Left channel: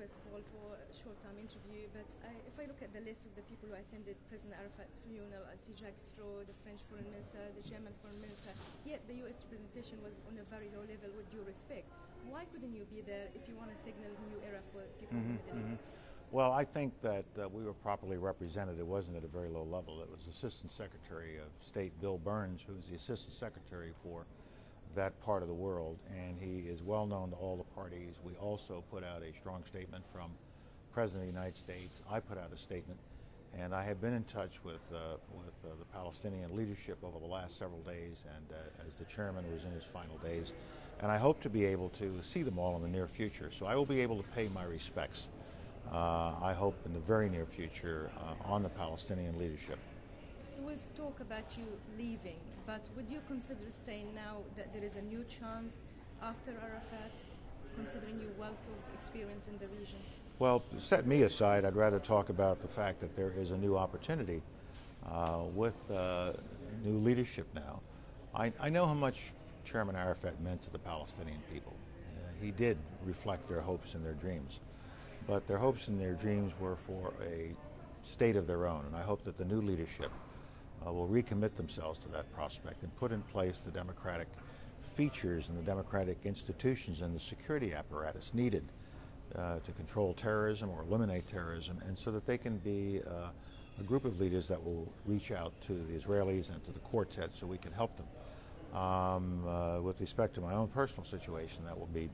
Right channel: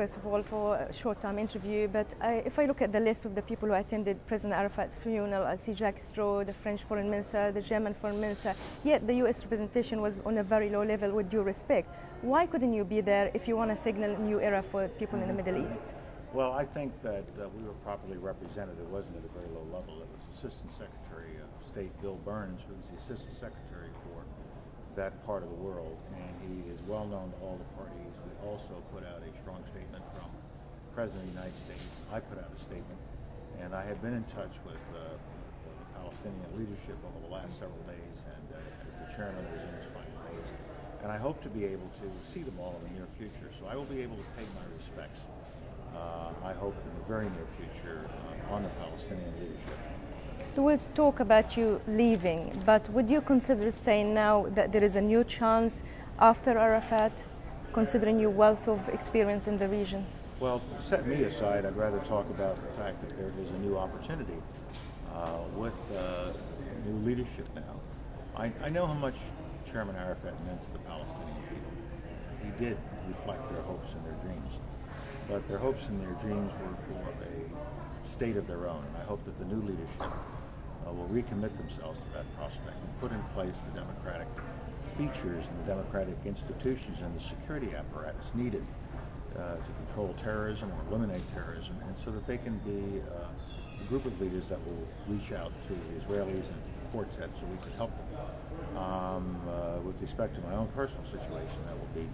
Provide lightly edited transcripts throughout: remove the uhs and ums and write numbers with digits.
first of all, for a short-time interview. But if I look at the list of the people who attended President Arafat's funeral, I see Jacques Straw, the French foreign minister, the German foreign minister, yet the US representation was on a very low level, with due respect. Why couldn't you be there if you want to signal a new era for people in the Middle East? Well, I think that we were properly represented. It wasn't at a very low level. It was Assistant Secretary of State Bill Burns, who's the Assistant Secretary for that part of the world, and he is well known to all the parties. We also put out a strong statement from the President of the United States. I put out a statement, and I had been in touch with the Palestinian leadership over the last several days, and as the chairman was in his final days, and I hope to be able to see them all in the near future. So I will be able to pay my respects, I hope, in the very near future on the Palestinian leadership. There was talk about you leaving, but would you consider staying now that there is a new chance after Arafat, considering your wealth of experience in the region? Well, set me aside, I'd rather talk about the fact that there is a new opportunity with new leadership now. I know how much Chairman Arafat meant to the Palestinian people. He did reflect their hopes and their dreams, but their hopes and their dreams were for a state of their own, and I hope that the new leadership will recommit themselves to that prospect and put in place the democratic features and the democratic institutions and the security apparatus needed to control terrorism or eliminate terrorism, and so that they can be a group of leaders that will reach out to the Israelis and to the quartet so we can help them. With respect to my own personal situation, that will be,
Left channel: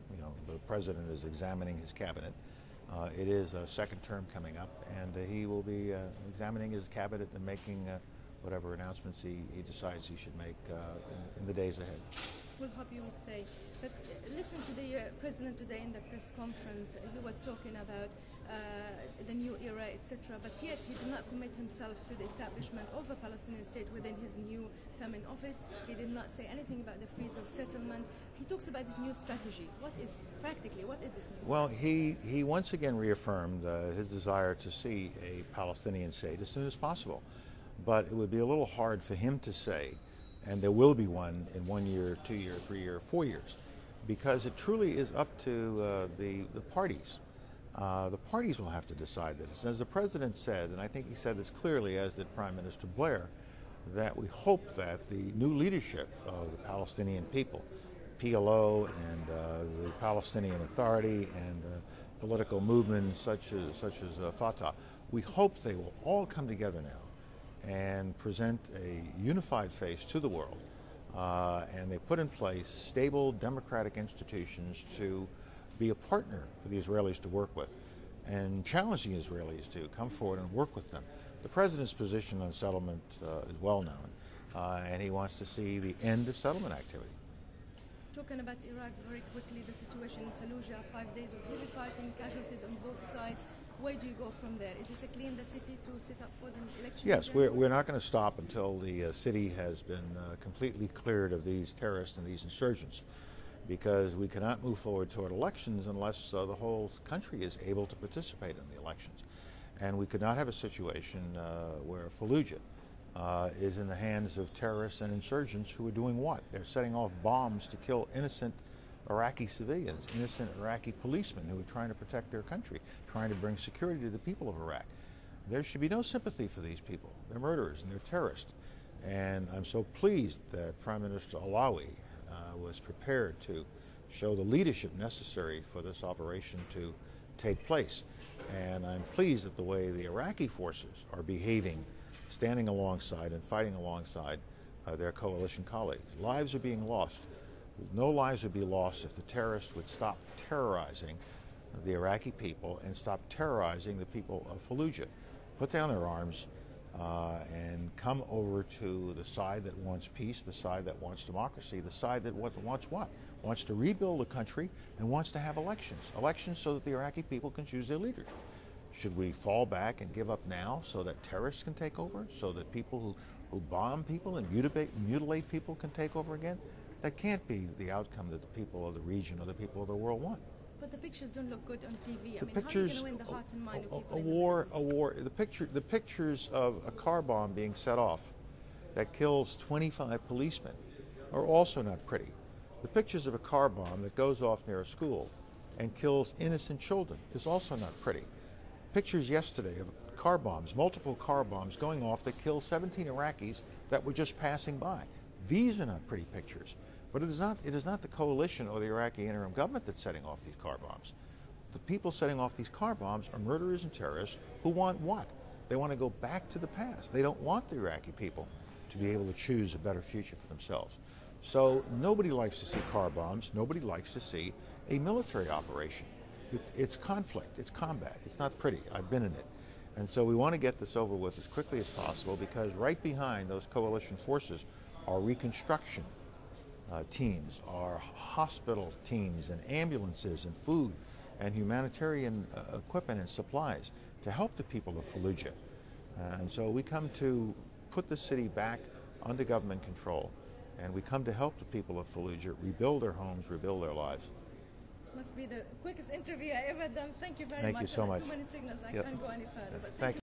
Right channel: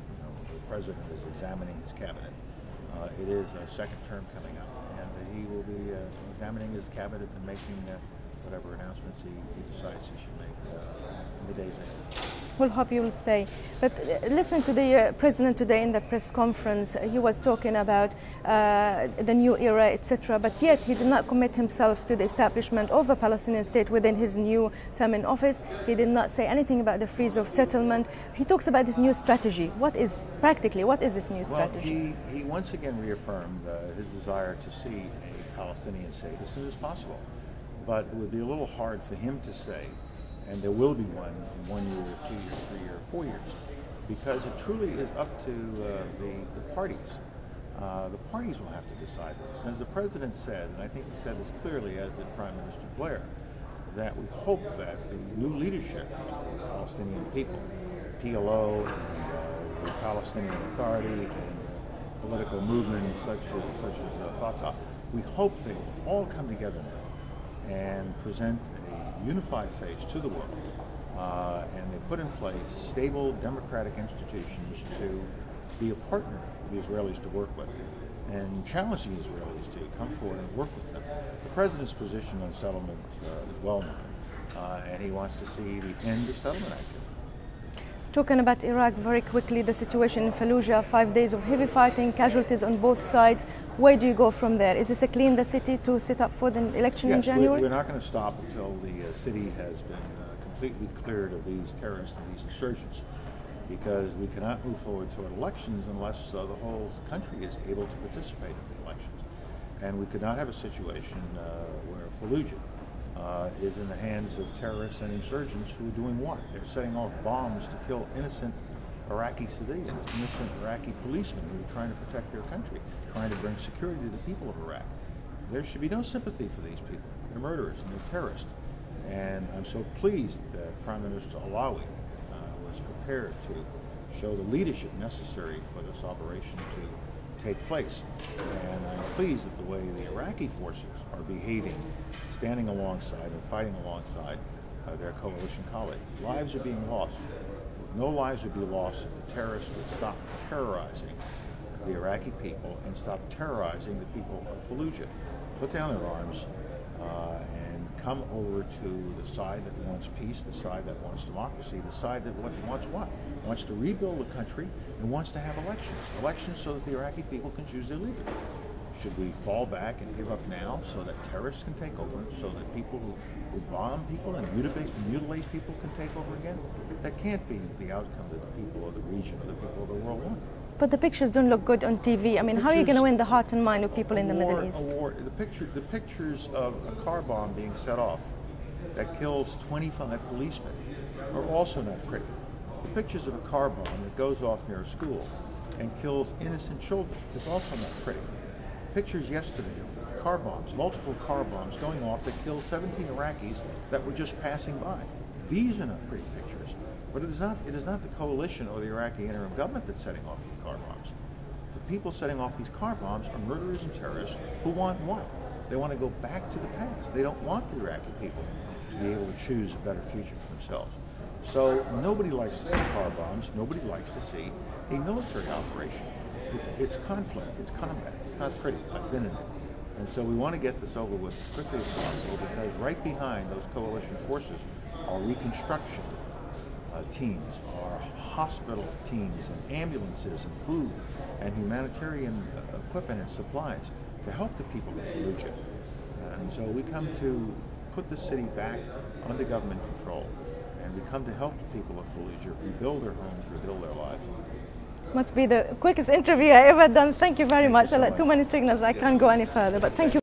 the President is examining his cabinet. It is a second term coming up, and he will be examining his cabinet and making whatever announcements he decides he should make in the days ahead. We'll hope you will stay. But listen to the President today in the press conference. He was talking about the new era, etc. But yet he did not commit himself to the establishment of a Palestinian state within his new term in office. He did not say anything about the freeze of settlement. He talks about this new strategy. What is this new strategy? Well, he once again reaffirmed his desire to see a Palestinian state as soon as possible. But it would be a little hard for him to say, and there will be one in 1 year, 2 years, 3 years, 4 years, because it truly is up to the parties. The parties will have to decide this. As the President said, and I think he said this clearly, as did Prime Minister Blair, that we hope that the new leadership of the Palestinian people, PLO and the Palestinian Authority and political movements such as Fatah, we hope they will all come together now and present a unified face to the world, and they put in place stable democratic institutions to be a partner for the Israelis to work with, and challenge the Israelis to come forward and work with them. The President's position on settlement is well known, and he wants to see the end of settlement activity. Talking about Iraq very quickly, the situation in Fallujah, 5 days of heavy fighting, casualties on both sides. Where do you go from there? Is this a clean the city to set up for the election in January? We're not going to stop until the city has been completely cleared of these terrorists and these insurgents, because we cannot move forward toward elections unless the whole country is able to participate in the elections. And we could not have a situation where Fallujah is in the hands of terrorists and insurgents who are doing what? They're setting off bombs to kill innocent Iraqi civilians, innocent Iraqi policemen who are trying to protect their country, trying to bring security to the people of Iraq. There should be no sympathy for these people. They're murderers and they're terrorists. And I'm so pleased that Prime Minister Alawi was prepared to show the leadership necessary for this operation to take place. And I'm pleased at the way the Iraqi forces are behaving, standing alongside and fighting alongside their coalition colleagues. Lives are being lost. No lives would be lost if the terrorists would stop terrorizing the Iraqi people and stop terrorizing the people of Fallujah. Put down their arms and come over to the side that wants peace, the side that wants democracy, the side that wants what? Wants to rebuild the country and wants to have elections. Elections so that the Iraqi people can choose their leader. Should we fall back and give up now so that terrorists can take over, so that people who bomb people and mutilate people can take over again? That can't be the outcome that the people of the region or the people of the world want. But the pictures don't look good on TV. I mean, how are you going to win the heart and mind of people in the Middle East? The pictures of a car bomb being set off that kills 25 policemen are also not pretty. The pictures of a car bomb that goes off near a school and kills innocent children is also not pretty. Pictures yesterday of car bombs, multiple car bombs going off that killed 17 Iraqis that were just passing by. These are not pretty pictures, but it is not the coalition or the Iraqi interim government that's setting off these car bombs. The people setting off these car bombs are murderers and terrorists who want what? They want to go back to the past. They don't want the Iraqi people to be able to choose a better future for themselves. So nobody likes to see car bombs. Nobody likes to see a military operation. It's conflict. It's combat. It's not pretty. I've been in it. And so we want to get this over with as quickly as possible, because right behind those coalition forces are reconstruction teams, are hospital teams, and ambulances, and food, and humanitarian equipment and supplies to help the people of Fallujah. And so we come to put the city back under government control, and we come to help the people of Fallujah rebuild their homes, rebuild their lives. Must be the quickest interview I ever done. Thank you very much. So I let too many signals. I can't go any further, but thank you.